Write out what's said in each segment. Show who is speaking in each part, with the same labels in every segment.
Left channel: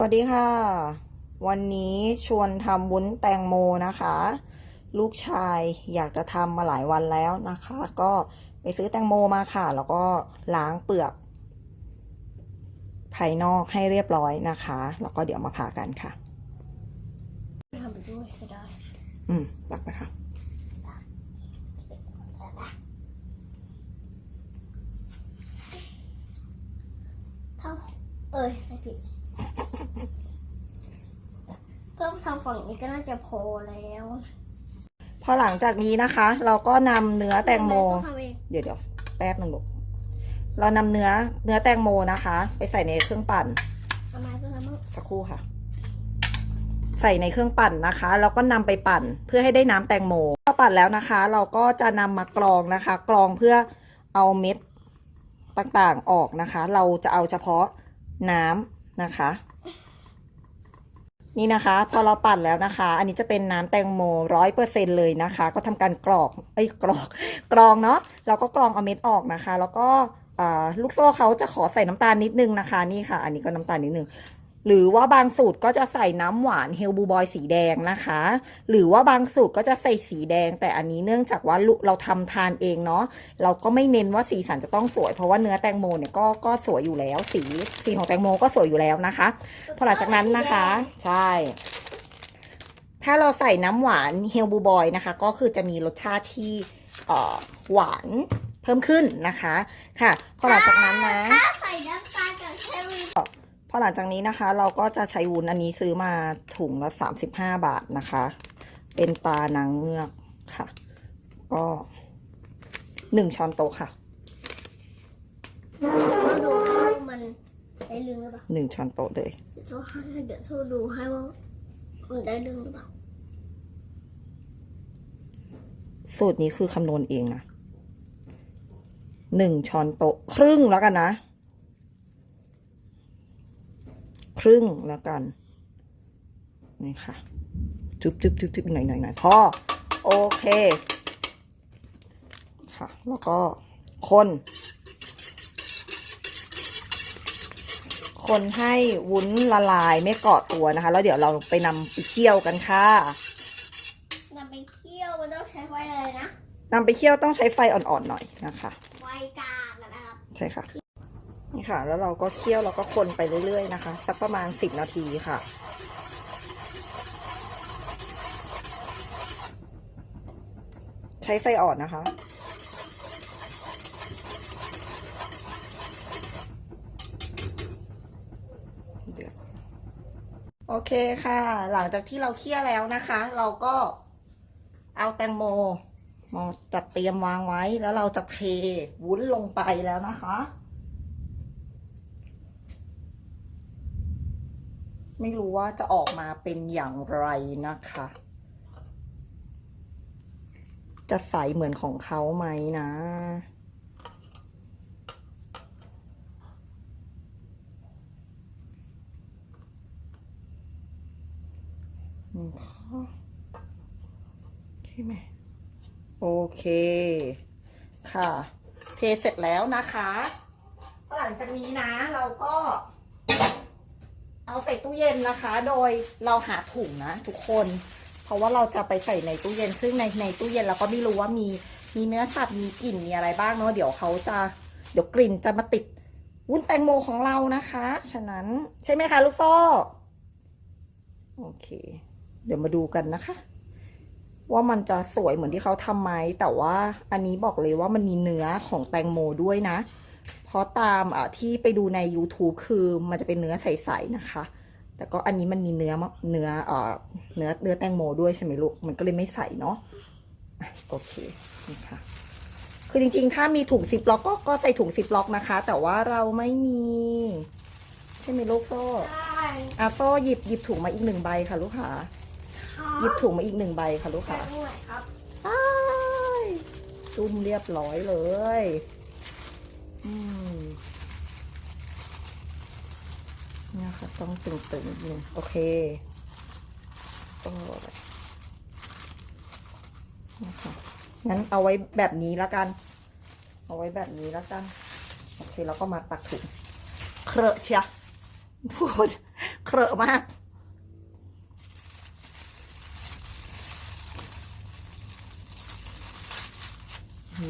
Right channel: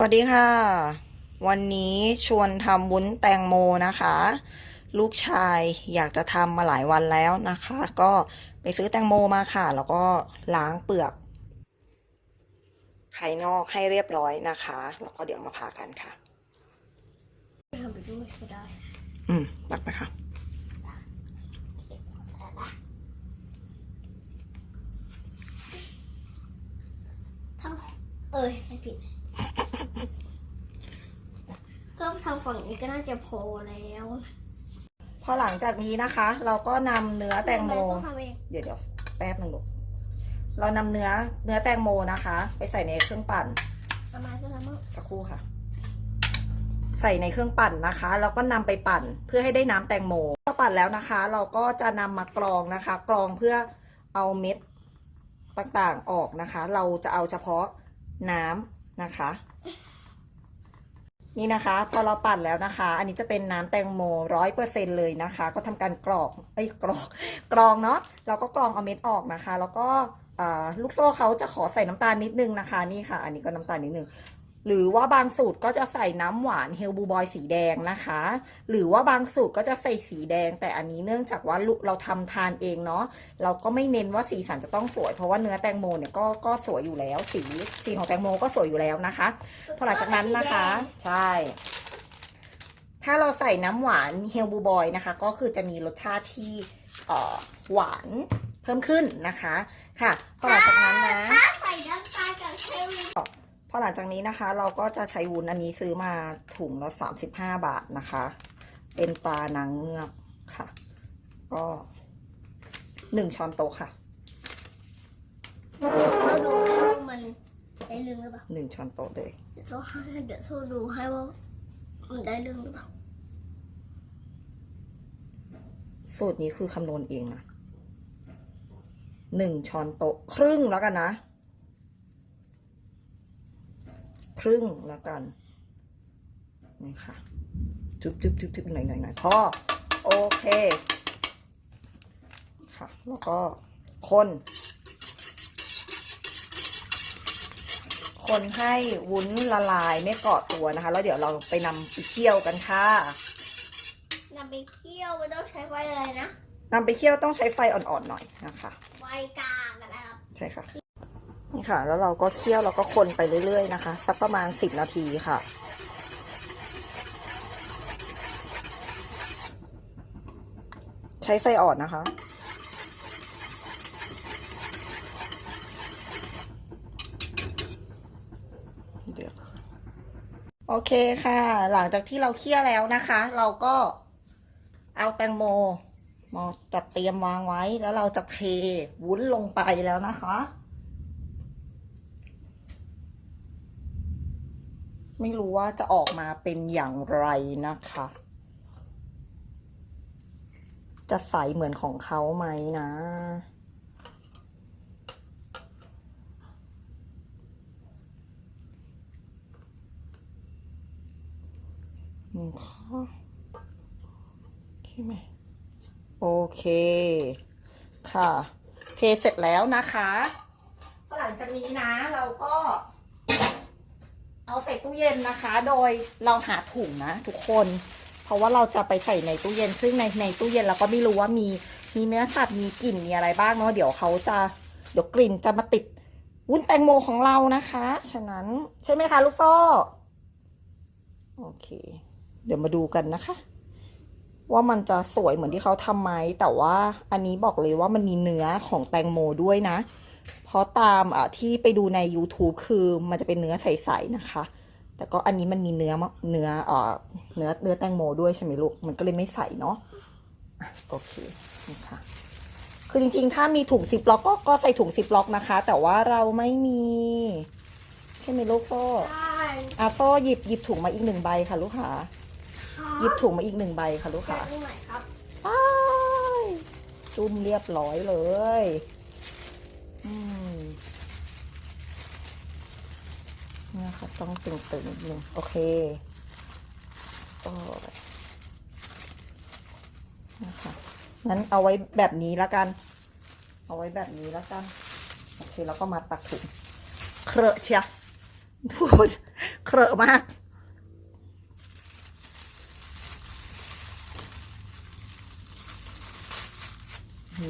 Speaker 1: สวัสดีค่ะ วันนี้ชวนทำวุ้นแตงโมนะคะ ลูกชายอยากจะทำมาหลายวันแล้วนะคะ ก็ไปซื้อแตงโมมาค่ะ แล้วก็ล้างเปลือก ภายนอกให้เรียบร้อยนะคะ แล้วก็เดี๋ยวมาผ่ากันค่ะ
Speaker 2: ทำไปด้วยก็ได้
Speaker 1: อืมตักไปค่ะ
Speaker 2: ทำเอ้ยใส่ผิด ก็ทำฝั่งนี้ก็น่าจะพอแล้ว
Speaker 1: พอหลังจากนี้นะคะ เราก็นำเนื้อแตงโม
Speaker 2: ทำเอง
Speaker 1: เดี๋ยวเดี๋ยวแป๊บนึงลูกเรานำเนื้อเนื้อแตงโมนะคะ ไปใส่ในเครื่องปั่น
Speaker 2: ทำไมก็ทำเอง
Speaker 1: สักครู่ค่ะ ใส่ในเครื่องปั่นนะคะ แล้วก็นำไปปั่นเพื่อให้ได้น้ำแตงโมพอปั่นแล้วนะคะ เราก็จะนำมากรองนะคะ กรองเพื่อเอาเม็ดต่างๆออกนะคะ เราจะเอาเฉพาะน้ำนะคะ นี่นะคะ พอเราปั่นแล้วนะคะ อันนี้จะเป็นน้ำแตงโมร้อยเปอร์เซ็นเลยนะคะ ก็ทำการกรอกเอ้ยกรอกกรองเนาะเราก็กรองเอาเม็ดออกนะคะ แล้วก็ลูกโซ่เขาจะขอใส่น้ำตาลนิดนึงนะคะ นี่ค่ะ อันนี้ก็น้ำตาลนิดนึง หรือว่าบางสูตรก็จะใส่น้ำหวานเฮลบูบอยสีแดงนะคะ หรือว่าบางสูตรก็จะใส่สีแดง แต่อันนี้เนื่องจากว่าลูกเราทำทานเองเนาะเราก็ไม่เน้นว่าสีสันจะต้องสวย เพราะว่าเนื้อแตงโมเนี่ยก็ก็สวยอยู่แล้ว สีสีของแตงโมก็สวยอยู่แล้วนะคะ พอหลังจากนั้นนะคะ ใช่ ถ้าเราใส่น้ำหวานเฮลบูบอยนะคะ ก็คือจะมีรสชาติที่เอ่อหวานเพิ่มขึ้นนะคะ ค่ะพอหลังจากนั้นนะ
Speaker 2: ถ้าใส่น้ำตาลกับเชอรี่
Speaker 1: พอหลังจากนี้นะคะ เราก็จะใช้วุ้นอันนี้ซื้อมาถุงละ35 บาทนะคะ เป็นตานางเงือกค่ะ ก็หนึ่งช้อนโต๊ะค่ะ
Speaker 2: ดูว่ามันได้เรื่องหรือเปล่า
Speaker 1: หนึ่งช้อนโต๊ะเลย
Speaker 2: เดี๋ยวโทรให้เดี๋ยวโทรดูให้ว่ามันได้เรื่องหรือเปล่า
Speaker 1: สูตรนี้คือคำนวณเองนะหนึ่งช้อนโต๊ะครึ่งแล้วกันนะ ครึ่งแล้วกัน นี่ค่ะ จุ๊บจุ๊บจุ๊บจุ๊บหน่อยหน่อยหน่อยพอโอเค ค่ะ แล้วก็คน คนให้วุ้นละลายไม่เกาะตัวนะคะ แล้วเดี๋ยวเราไปนำไปเคี่ยวกันค่ะ
Speaker 2: นำไปเคี่ยวมันต้องใช้ไฟอะไรนะ
Speaker 1: นำไปเคี่ยวต้องใช้ไฟอ่อนๆหน่อยนะคะ
Speaker 2: ไฟกลางนะครับ
Speaker 1: ใช่ค่ะ นี่ค่ะ แล้วเราก็เคี่ยวแล้วก็คนไปเรื่อยๆนะคะ สักประมาณสิบนาทีค่ะ ใช้ไฟอ่อนนะคะ โอเคค่ะ หลังจากที่เราเคี่ยวแล้วนะคะ เราก็เอาแตงโมมาจัดเตรียมวางไว้แล้วเราจะเทวุ้นลงไปแล้วนะคะ ไม่รู้ว่าจะออกมาเป็นอย่างไรนะคะ จะใสเหมือนของเขาไหมนะโอเคไหมโอเค ค่ะ เทเสร็จแล้วนะคะ หลังจากนี้นะเราก็ เอาใส่ตู้เย็นนะคะ โดยเราหาถุงนะทุกคน เพราะว่าเราจะไปใส่ในตู้เย็น ซึ่งในในตู้เย็นเราก็ไม่รู้ว่ามีมีเนื้อสัตว์มีกลิ่นมีอะไรบ้างเนาะเดี๋ยวเขาจะเดี๋ยวกลิ่นจะมาติดวุ้นแตงโมของเรานะคะ ฉะนั้นใช่ไหมคะลูกโซ่โอเค เดี๋ยวมาดูกันนะคะ ว่ามันจะสวยเหมือนที่เขาทำไหมแต่ว่าอันนี้บอกเลยว่ามันมีเนื้อของแตงโมด้วยนะ เพราะตามอะที่ไปดูใน YouTube คือมันจะเป็นเนื้อใสๆนะคะ แต่ก็อันนี้มันมีเนื้อมะเนื้อเอ่อเนื้อเนื้อแตงโมด้วยใช่ไหมลูก มันก็เลยไม่ใสเนาะอะโอเคนี่ค่ะคือจริงๆ ถ้ามีถุงซิปล็อกก็ก็ใส่ถุงซิปล็อกนะคะ แต่ว่าเราไม่มี ใช่ไหมลูกโซ่
Speaker 2: ได้
Speaker 1: อะโซ่หยิบหยิบถุงมาอีกหนึ่งใบค่ะ ลูกค้าหยิบถุงมาอีกหนึ่งใบค่ะ ลูกค้า
Speaker 2: ตรงไหนครับ
Speaker 1: ไปจุ่มเรียบร้อยเลยอืม เนี่ยค่ะ ต้องตึงๆนิดนึงโอเคโอ้ยนะคะงั้นเอาไว้แบบนี้แล้วกัน เอาไว้แบบนี้แล้วกัน โอเค แล้วก็มาตักถุงเครอะเชียพูดเครอะมาก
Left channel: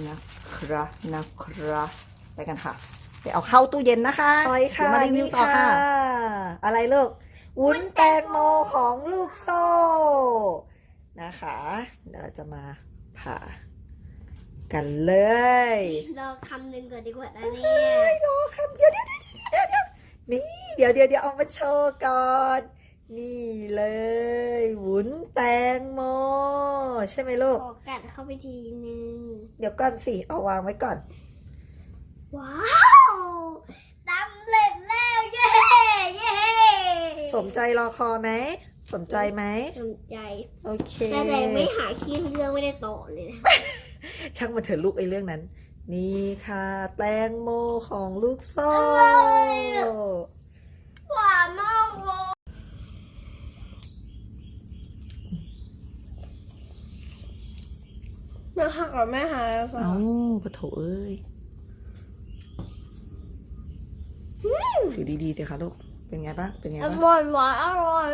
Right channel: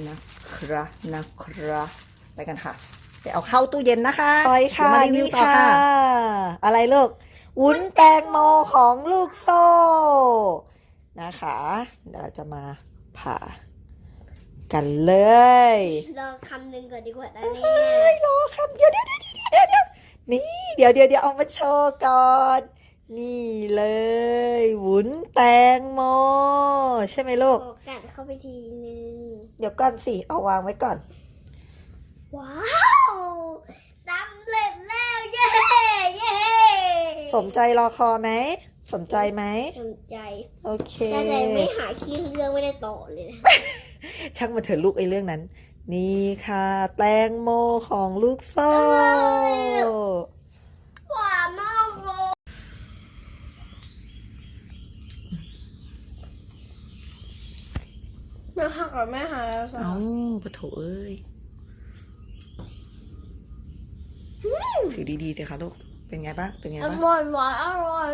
Speaker 1: นะครับนะครับ ไปกันค่ะ ไปเอาเข้าตู้เย็นนะคะไปค่ะ
Speaker 2: เดี๋ยวมารีวิวต่อค่ะ
Speaker 1: อะไรลูกวุ้นแตงโมของลูกโซ่ นะคะ เดี๋ยวเราจะมาผ่ากันเลย
Speaker 2: ลองคำหนึ่งก่อนดีกว่านะเนี่
Speaker 1: เฮ้
Speaker 2: ย
Speaker 1: ยรอครับเดี๋ยวเดี๋ยวเดี๋ยวเดี๋ยวเดี๋ยวนี่เดี๋ยวเดี๋ยวเดี๋ยวเอามาโชว์ก่อน นี่เลยวุ้นแตงโมใช่ไหมลูก
Speaker 2: ขอกัดเข้าไปทีนึง
Speaker 1: เดี๋ยวก่อนสิ เอาวางไว้ก่อน
Speaker 2: ว้าวตำเร็จแล้วเย้เย้
Speaker 1: สมใจรอคอไหม สมใจไหม
Speaker 2: สนใจ
Speaker 1: โอเค
Speaker 2: แต่แต่ไม่หาขี้เรื่องไม่ได้ต่อเลยนะ
Speaker 1: ช่างมันเถอะลูกไอ้เรื่องนั้น นี่ค่ะ แตงโมของลูกโซ่
Speaker 2: หวานมากเลยแม่หักกับแม่หายแล้วสิ
Speaker 1: เอ้าปะโถเอ้ยถือ ดีๆสิคะลูก เป็นไงบ้าง เป็นไง
Speaker 2: อ
Speaker 1: บ้าง
Speaker 2: ร่อยหวานอร่อย